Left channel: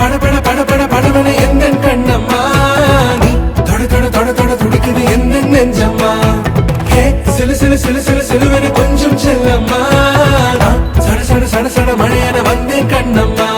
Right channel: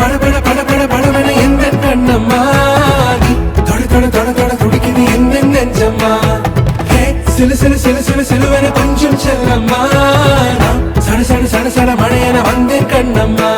படபட படபட படபட எந்த கண்ணம்மா நீ தொட தொட தொட தொட துடிக்குது எந்த நெஞ்சம்மா ஹே சிலு சிலு சிலு சிலு சிலுவென கொஞ்சம் செல்லம்மா சட சட சட சட மழையென வந்தேன் கண்ணம்மா